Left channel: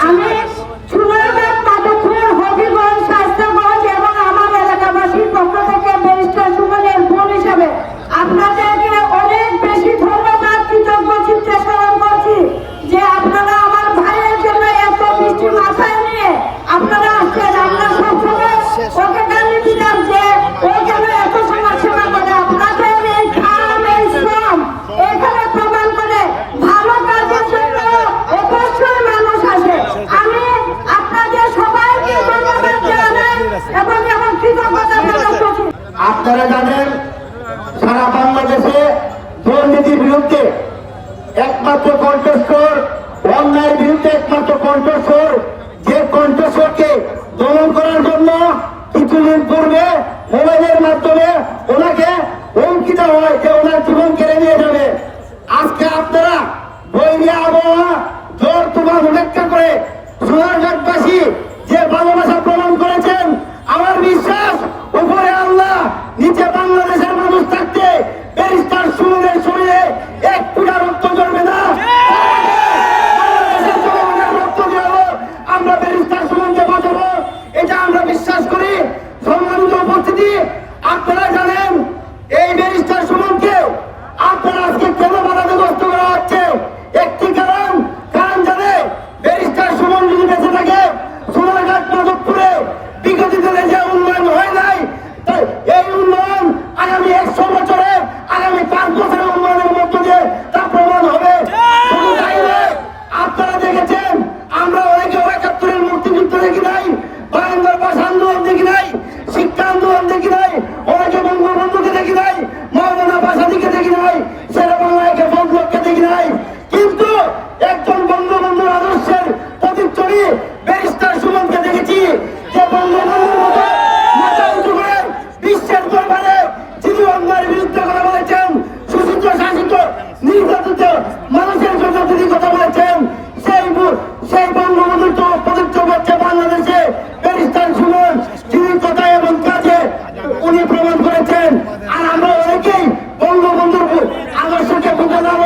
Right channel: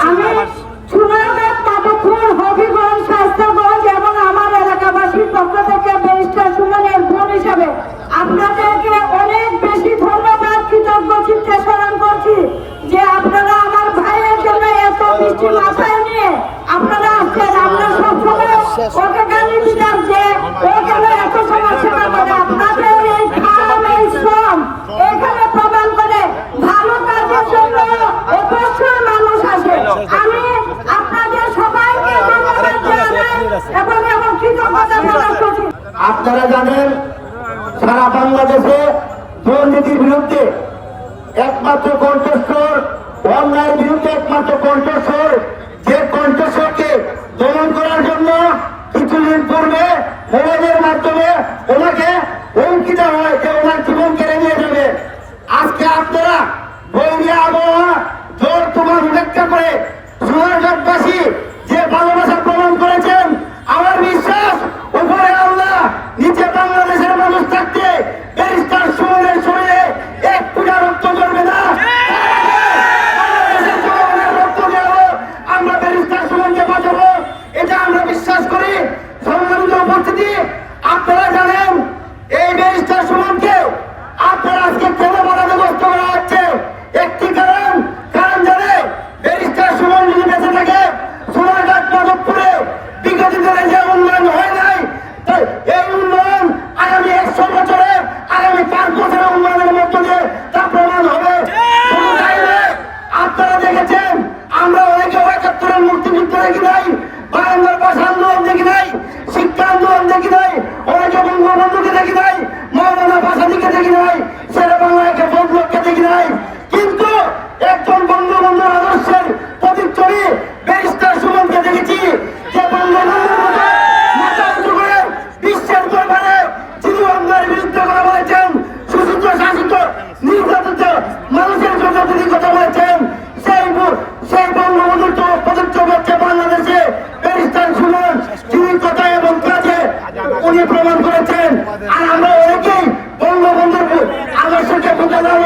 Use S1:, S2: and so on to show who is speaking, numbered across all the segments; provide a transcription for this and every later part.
S1: আমি সোনারঘাট মাধবপুর হবিগঞ্জ স্বাস্থ্যগঞ্জ এবং আমার এলাকাবাসীর পক্ষ থেকে ব্যারিস্টার সুমনের বোন হিসাবে আপনাদেরকে অনেক বেশি ধন্যবাদ কৃতজ্ঞ চিত্তে স্মরণ করছি যে আপনারা আমার ভাইয়ের জন্য এত বৃষ্টি মাথায় নিয়ে আপনারা আসছেন আমরা সবসময় ওকে গালি দিলাম যে ও কেন এত সমাজ সেবা করে আপনাদের এই খাম এই শ্রম এখানে প্রমাণ করে ভালো কাজের জন্য অবশ্যই মানুষ আসে আমি আপনাদের সবাইকে ধন্যবাদ জানাই এবং এবং কৃতজ্ঞতা প্রকাশ করছি
S2: জানেন সারা বাংলাদেশে দুর্নীতির বিরুদ্ধে একমাত্র কণ্ঠস্বর, অন্যায়ের বিরুদ্ধে একমাত্র কণ্ঠস্বর, যে কণ্ঠস্বরকে দমন করার জন্য কিছুদিন পূর্বে মোবাইলের মাধ্যমে ওনাকে দেওয়া হয় যে ওনার জীবন কেড়ে নিয়ে যাবে। আজকে আপনারা বৈরী আবহাওয়া জোর তোমার উপেক্ষা করে সোনারঘাটবাসী যে ভালোবাসা প্রমাণ করেছেন আমার বিশ্বাস উপরে আল্লাহ নিচে বাংলাদেশের মানুষ থাকতে ব্যারিস্টার সুমনের শরীরে এক ফুটা রক্ত জমবে না বাংলাদেশের জনগণের রক্ত দেওয়া আমরা ব্যারিস্টার সুমনকে বাঁচাবো এটা আমরা বিশ্বাস করি সম্মানিত উপস্থিতি আপনারা জানেন এই ব্যারিস্টার সুমনকে আপনারা আজকে কেন বাধাগ্রস্ত করা হচ্ছে একটি কারণ কারণ জানে ব্যারিস্টার সুমন যদি বেঁচে থাকে সোনারঘাট মাধবপুরে বিগত দিনে যে উন্নয়ন হয় নাই তাই এই উন্নয়ন আগামী একশো বছরে আগামী পাঁচ বছরের উন্নয়নের মধ্য দিয়ে তা প্রমাণ হবে শুধু তাই নয়, আপনারা দেখেছেন আমরা অনেকে একাত্তরের মুক্তিযুদ্ধ দেখি নাই বায়ান্নর ভাষা আন্দোলন দেখি নাই শিক্ষা আন্দোলন দেখি নাই অনেকে বঙ্গবন্ধুকে দেখি নাই মৌলানা ভাষাদিকে দেখি নাই শেরে বাংলাকে বন্ধুকে দেখি নাই কিন্তু একজন বঙ্গবন্ধুর আদর্শের প্রতিচ্ছবি ব্যারিস্টার সুমনকে দেখেছি যে বঙ্গবন্ধুর মতো মাথা উঁচু করে বিশ্বের দরবারে যিনি অন্যায়ের বিরুদ্ধে কথা বলেছেন সুচিত্র শাসিত নির্যাতিত মানুষের কথা তিনি কথা বলেছেন সেই বু- সেই বঙ্গবন্ধুর তো প্রতিচ্ছবি হচ্ছে বাংলাদেশে ব্যারিস্টার সুমন যিনি কথা এবং কাজে উনি প্রমাণ করেছেন আর আমরা অনেকেই বঙ্গবন্ধুর বু- আদর্শকে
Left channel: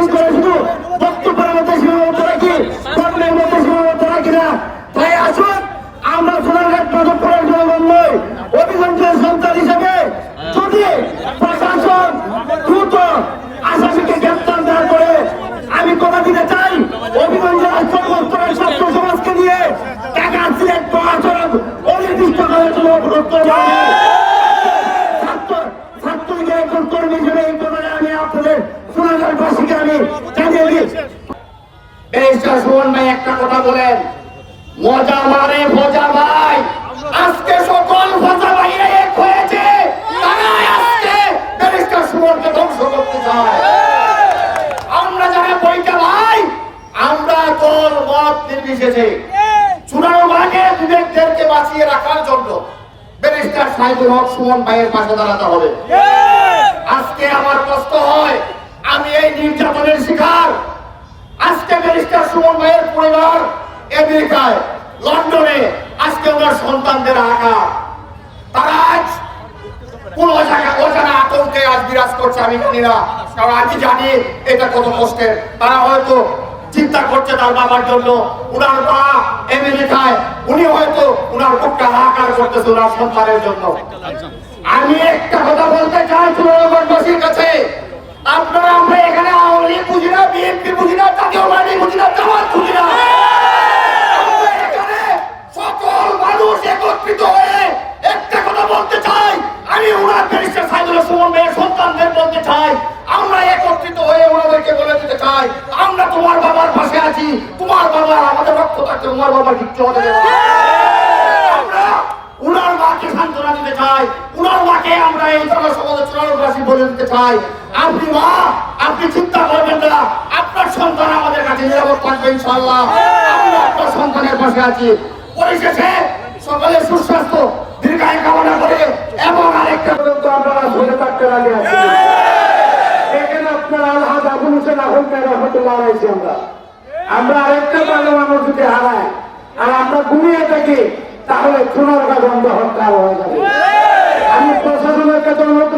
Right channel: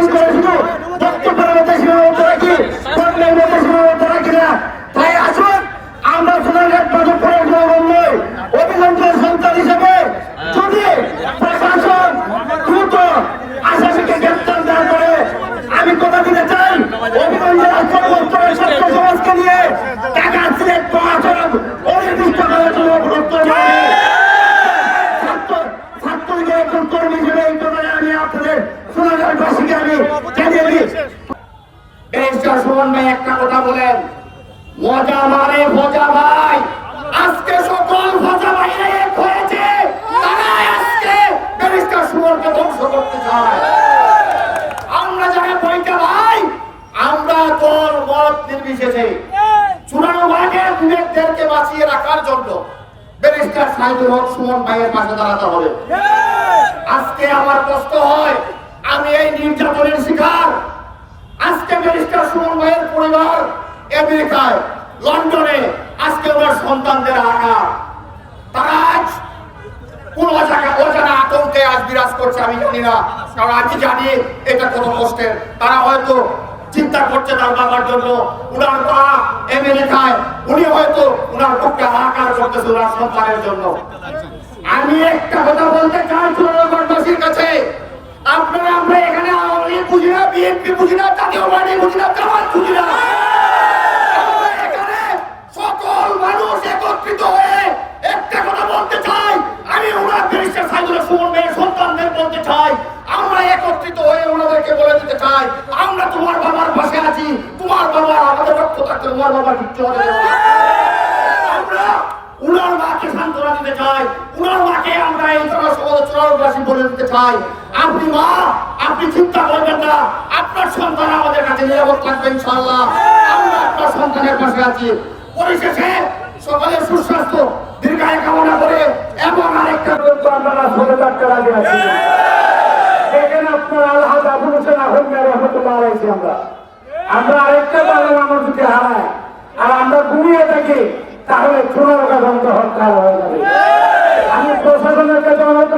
S2: লালন করে বক্তব্যের মধ্যে সীমাবদ্ধ রাখি কর্মের মধ্যে সীমাবদ্ধ রাখি না। তাই আসুন, আমরা সোনারঘাট মাধবপুরের জনগণ নই। অভিযন্ত্রের সন্তান হিসেবে যদি প্রশাসন দ্রুত আসামিকে গ্রেপ্তার না করে, আমি কথা দিতে চাই অভিগঞ্জের সর্বস্তরের ছাত্র সমাজকে নিয়ে। টাকা সিলেট মহাসড়ক অনির্দিষ্টকালের জন্য অবরুদ্ধ করে ছাত্র ছাত্রলীগের একজন কর্মী হিসেবে এই আমি আপনাদের সোনারঘাটবাসীকে আমি সুমন ভাই, একটা কথা বলেন। মজা মারে ভোজা ভাই। আজকে সকল ভোজা ভাইরা এক হয়েছে। তারাই আজকে ব্যারিস্টার সুমনকে ধ্বংস করতে চায়। আমরা যারা বইটা ভাই, আমরা দল মত নির্বিশেষে চূড়ানো ভাগে বিবেকদেরকে বাঁচিয়ে রাখার জন্য ব্যারিস্টার হক সুমন ভাইয়ের পাশে দাঁড়াতে হবে। আজকে আমার কষ্ট হয় আমি এই নির্যাতনের শিকার। আজকে ব্যারিস্টার সুমন ভাইয়ের পরিবার আমেরিকায়, লন্ডনে, আজকে ওনার সন্তানদের আঘাত তারা আজ কোন অজানা আতঙ্কে আজ বিরাজ করছে আমি জানি না। কারণ আমি জানি এটা কত কষ্টের। তারা হয়তো চিন্তা করছে তার বাবার জন্য। উনার মা আমেরিকায়, উনি হয়তো উনার বুকটা হাহাকার করতেছে উনার সন্তানের জন্য। আমি একটা কথা বলতে চাই চুরানগরবাসীর কাছে। আপনারা আমরা এখানে আওয়ামী লীগ বুঝি না বিএনপি বুঝি না জাতীয় পার্টি বুঝি না জামাত বুঝি না সকল মানুষ একত্রিত হয়ে একটা কথা বলতে চাই। আমি ওনার ব্যারিস্টার সাইদুল সুমন ভাইয়ের সন্তানদের বলতে চাই। আমরা একত্রিত হয়ে ওনাদেরকে বলে দিতে চাই। আমরা তোমার বাবার পাশে আছি। তোমার বাবার, আমাদের রক্ত থাকতে তোমার বাবার কিচ্ছু হতে আমরা উনার মাকে সান্ত্বনা দিতে চাই। উনার মাকে আমরা এই জনসমাজের চূড়ান্তবাসী বলে দিতে চাই। আপনি মা, আপনি চিন্তা করবেন না। আপনার সন্তান আমাদের কাছে নিরাপদ থাকবে ইনশাল্লাহ আমরা আপনার সন্তানের পাশে আছি। পরিশেষে সকলের সুস্বাস্থ্য, দীর্ঘায় কামনা করে এবং আরেকটা পর্যন্ত আপনারা ধরে থাকতে রাজি আছি আপনার আলহাজ আবুল হোসেন আহমেদ রহমতুল্লাহ আমরা। আমরা আরেকটা মানুষ যদি হারাই, আর আমরা ঘুমিয়ে থাকি, তাহলে চুনারটা বন্ধ হত্যা হয়ে যাবে। আমি প্রশাসনের কাছে অনুরোধ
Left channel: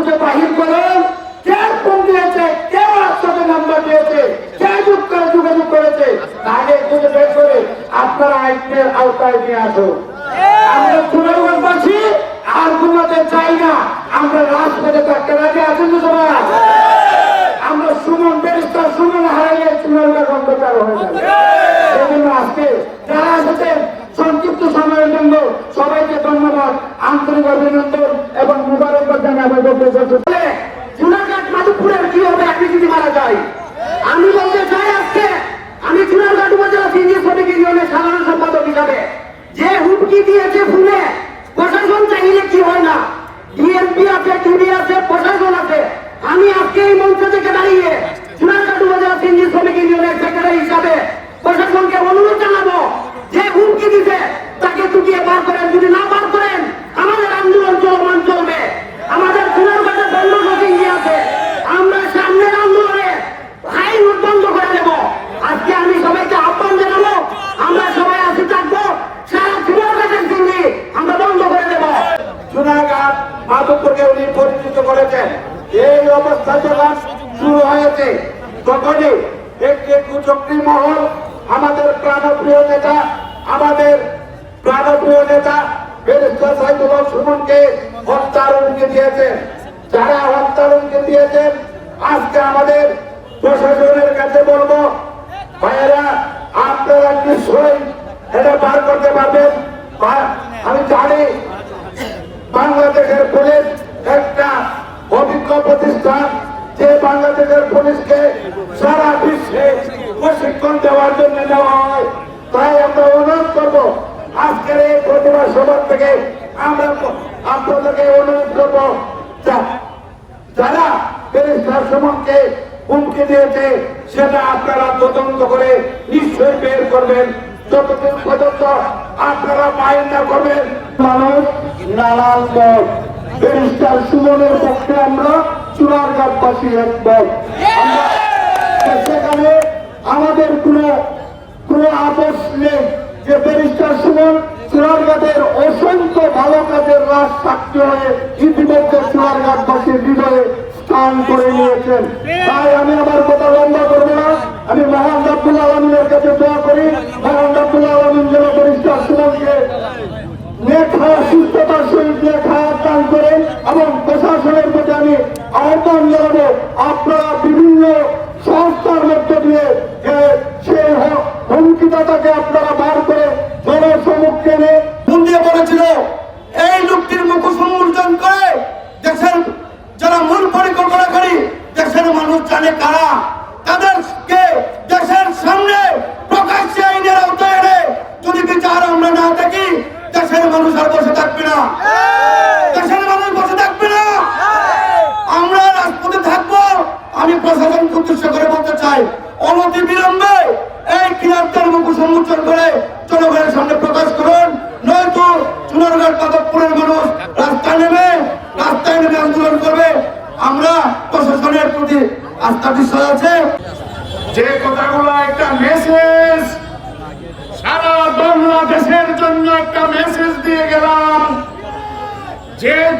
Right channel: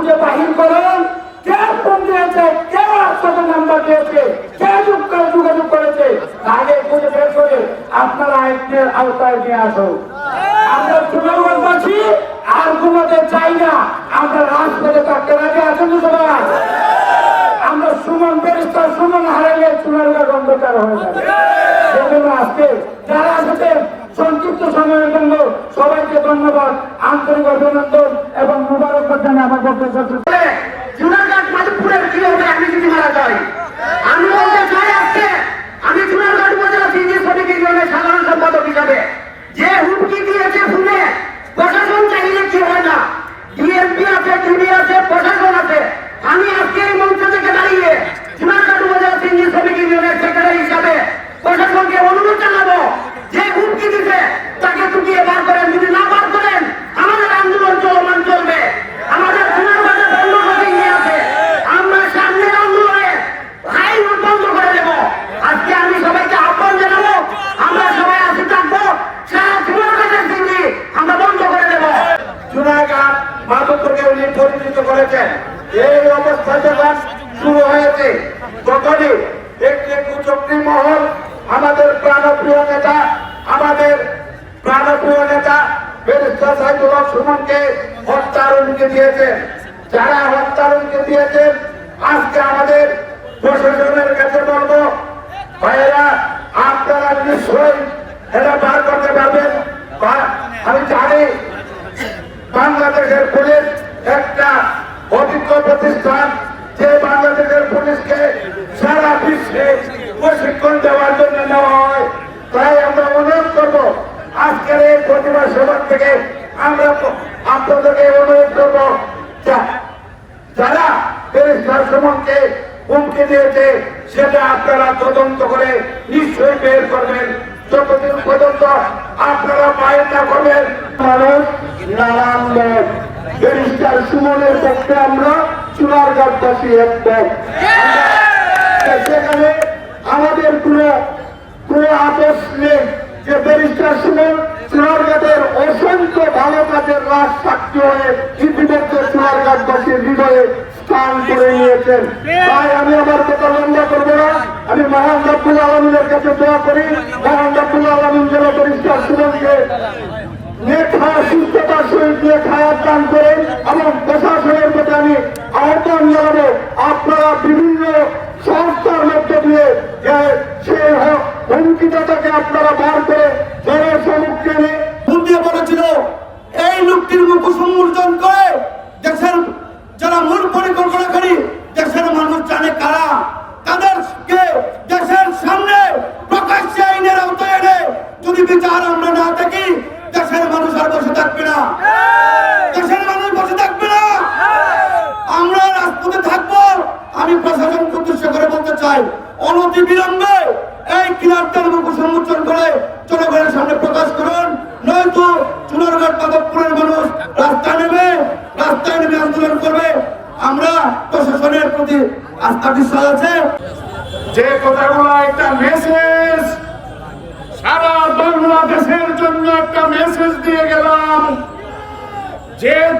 S2: খুঁজে বাহির করেন। কে ফোন দিয়েছে? কেউ আছে
S3: নাম্বার দিয়েছে? কে যুগ যোগাযোগ করেছে? তাহলে খুঁজে বের করে আপনারা আইনের আওতায় নিয়ে আসুন। আমরা সুনামগঞ্জবাসী আর ঘুমাতে চাই না। আমরা রাজপথে থাকতে রাজি আছেন তো সবাই? আমরা সুমন বেরিস্টার সুমন হারাইলে চুনারগঞ্জ অন্ধকার হয়ে যাবে। সেজন্য আজকে যারা সংক্ষিপ্ত সময়ের জন্য সবাইকে ধন্যবাদ, আন্তরিক অভিনন্দন এবং মুবারকবাদ জানিয়ে আমার বক্তব্য।
S4: জুনারঘাট মাধবপুরের কি হবে আমি যদি মারা যাই আমি বলতে চাই আজকে, আমি চুনারঘাট উপজেলা সিঙ্গি সমিতি ইউনিয়নের সাধারণ সম্পাদক হিসাবে, যে হুমকি দিয়েছে শুনে প্রশাসন চাইলে কি হয় না ডিএমপি আছে টিভি আছে প্রশাসন আছে আমি আজকে এই মঞ্চ থেকে দাঁড়িয়ে জুনারঘাট উপজেলা সিঙ্গি শ্রমিক ইউনিয়নের সেক্রেটারি হিসাবে প্রশাসনকে অনুরোধ জানাব যে হুমকি দিতে তাকে চুটিয়ে বার করেন যদি না বার করেন আমাদের আন্দোলন চলমান চলবে আমাদের পুনর্বাসে বন্ধ কোচিং আছে আমরা সামনের আন্দোলনে হাই রুট বন্ধ করে দেব আজকে আমি সবাইকে আহ্বান জানাব আমরা সবাই আসি থাকব সারা পুনর্বাসের সিঙ্গি আমরা বন্ধ করে দেব
S3: জুনাগড় মাধবপুরকে উনি পরিচিত করেছেন এই অবস্থা যখন শুরু হয়েছে তখনই একটি কুচক্রী মহল আমাদের প্রাণপ্রিয় নেতা, আমাদের প্রাণপ্রিয় নেতা সুমনকে হত্যার হুমকি দিয়েছেন। যারা হত্যার হুমকি দিয়েছেন, আজকে আমাদের প্রশাসনের কাছে বলব, ভাইয়েরা, আপনারা নিশ্চয়ই এটা বার করতে পারবেন। আমি জানি বাংলাদেশের পুলিশ একটা অভিজ্ঞ প্রতিষ্ঠান যে বাংলাদেশের পুলিশকে সারা বিশ্বে প্রশিক্ষণ দেওয়ার জন্য নেওয়া হয়, তাই আমরা অনুরোধ করব, আজকের এই প্রতিভা সভা থেকে আমরা আপনাদেরকে অনুরোধ করব যারা ব্যারিস্টার সুমনকে হুমকি দিয়েছে, সেটা আপনারা তদন্ত করে নিশ্চয়ই বের করবেন। যতদিন পর্যন্ত আপনারা পায়ের না করবেন, মানুষ মত ব্যারিস্টার সুমনের পক্ষে আমরা চুনারঘাটবাসী একমত। সেখানে আমাদের কোনো কোনো আপোষ নেই যে ব্যারিস্টার সুমন চুনারঘাটের অসংখ্য ভালো কাজের রাজ সাক্ষী হয়ে ইতিমধ্যে চুনারঘাটবাসীর হৃদয়ে স্থান করে নিয়েছেন। তাই আমি আমার কথা লম্বা করব না। আমি মহান আব্দুল আলমিনের কাছে দোয়া করি। মহান আব্দুল আলমিন যেন ব্যারিস্টার সুমনকে লেখা সুস্থতার সহিত লেখা দান করেন এবং প্রশাসনের প্রতি আমি আহ্বান জানাব আপনারা বিভিন্ন সংস্থার মধ্য দিয়ে যে সেই হ- হুমকিদাতাকে আপনারা বার করে জনসমুখে এনে
S4: মুন্ডিয়ে পড়েছিল এই লোকটির মুখ সম্মোচন করে দেশের যারা মূল পরিকল্পনাকারী দেশের মানুষ জানে কারা তাদেরকে দেশের সামনে প্রকাশ্যে আইনের আওতায় এনে যদি বিচার আমরা না থাকি দেশের মানুষ আর বসে থাকবে না দেশের মানুষ বসে থাকবে না আমরা রাজপথে থাকব আমি প্রশাসন উদ্দেশ্য করে বলতে চাই অনতি বিলম্বে এই কিলারদের মুখ সম্মোচন করে জনগণের সামনে প্রকাশ করুন নয়তো চুনারঘাট মাধবপুরের মানুষ রাস্তায় নেমে রাস্তায় নেমে আন্দোলন করবে আমরা প্রশাসনের প্রতি আস্থা বিশ্বাস আছে
S3: যে কথাগুলো একটা মেসেজ সারা বাংলাদেশের জন্য একটা মেসেজ দিয়ে গেলাম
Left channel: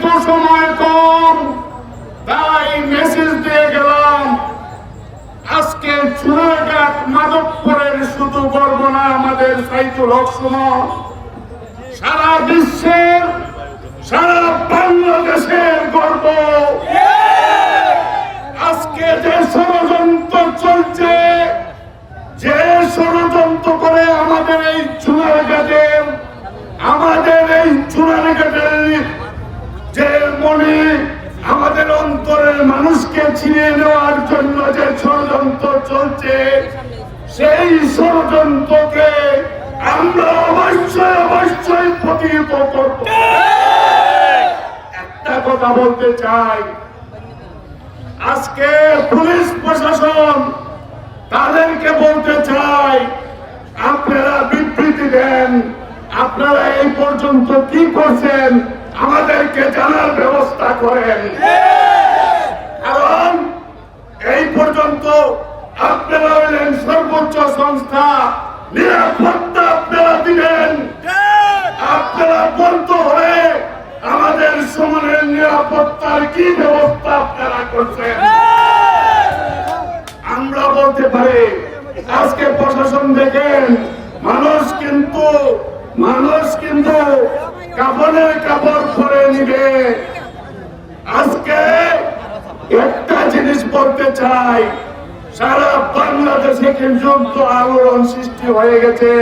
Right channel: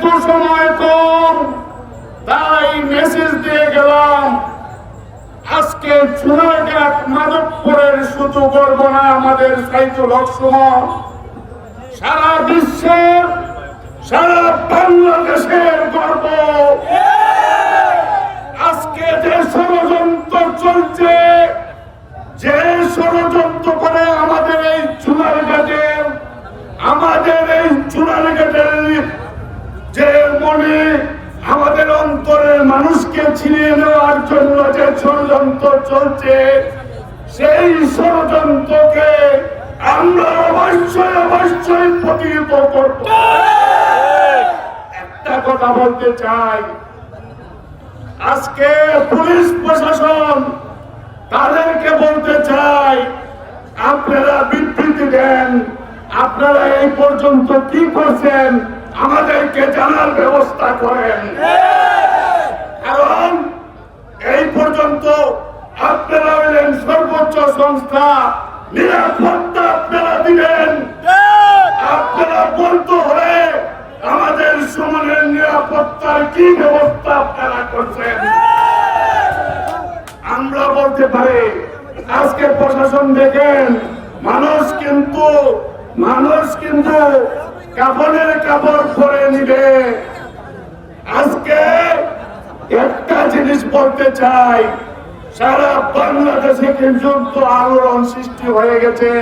S3: যেহেতু সময় কম। তাই মেসেজ দিয়ে গেলাম, আজকে চুনাঘাট মাধবপুরের শুধু গর্ব না আমাদের সাইদুল হক সারা বিশ্বের, সারা বাংলাদেশের গর্ব। আজকে যে ষড়যন্ত্র চলছে, যে ষড়যন্ত্র করে আমাদের এই চুনার ঘাটের আমাদের এই চুনার ঘাটের যে মনে আমাদের অন্তরের মানুষকে ছিনিয়ে নেওয়ার জন্য যে ষড়যন্ত্র চলছে, সেই ষড়যন্ত্রকে আমরা অবশ্যই অবশ্যই প্রতিহিত করব। একটা কথা বলতে চাই, আজকে পুলিশ প্রশাসন তাদেরকে বলতে চাই, আপনারা বিবৃতি দেন, আপনারা এই পর্যন্ত কি করছেন? আমাদেরকে জানার ব্যবস্থা করেন। কারণ এই পর্যন্ত আপনারা হইলেন সর্বোচ্চ সংস্থা। নিরাপত্তা আপনারা দিবেন। আপনারা বলতে হলে আমাদের সমানের নিরাপত্তার কি ব্যবস্থা আপনারা করছেন?
S5: আমরা বলতে পারি, আজকে প্রশাসন দেখেন, মানুষ কিন্তু মানুষ কিন্তু কাপড়ের কাপড় পরে নিবে। আজকে একটা জিনিস বলতে চাই, সারা বাংলাদেশে কিন্তু আলোড়ন সৃষ্টি হয়ে গেছে।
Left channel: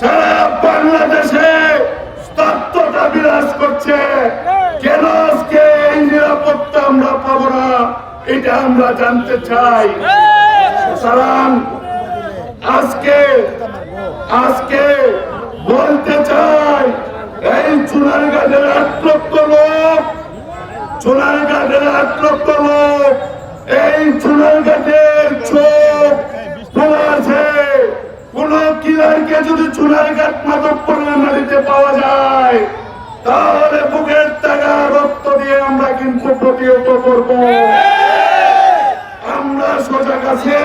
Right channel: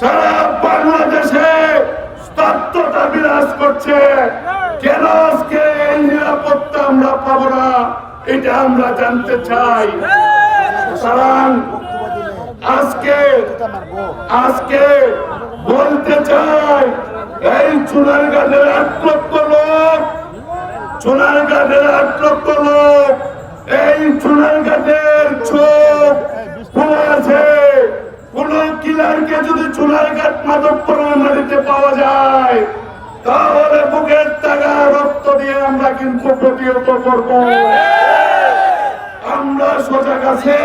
S5: সারা বাংলাদেশে স্তব্ধতা বিরাজ করছে। কেন আজকে এই নিরাপত্তা আমরা পাবো না, এটা আমরা জানতে চাই। সুতরাং আজকে আজকে বলতে চাই এই চুনার গাছের এক লক্ষ লোক সোনার ঘাটের আট লক্ষ লোক, এই সোনার ঘাটের চোখ খোলা আছে কোন কিলারকে যদি চুনার ঘাট মাদক প্রণালীতে পাওয়া যায়, তাহলে বুকের টাকা রক্ত দিয়ে আমরা কিন্তু প্রতিহত করব। আমরা সজাগ আছে।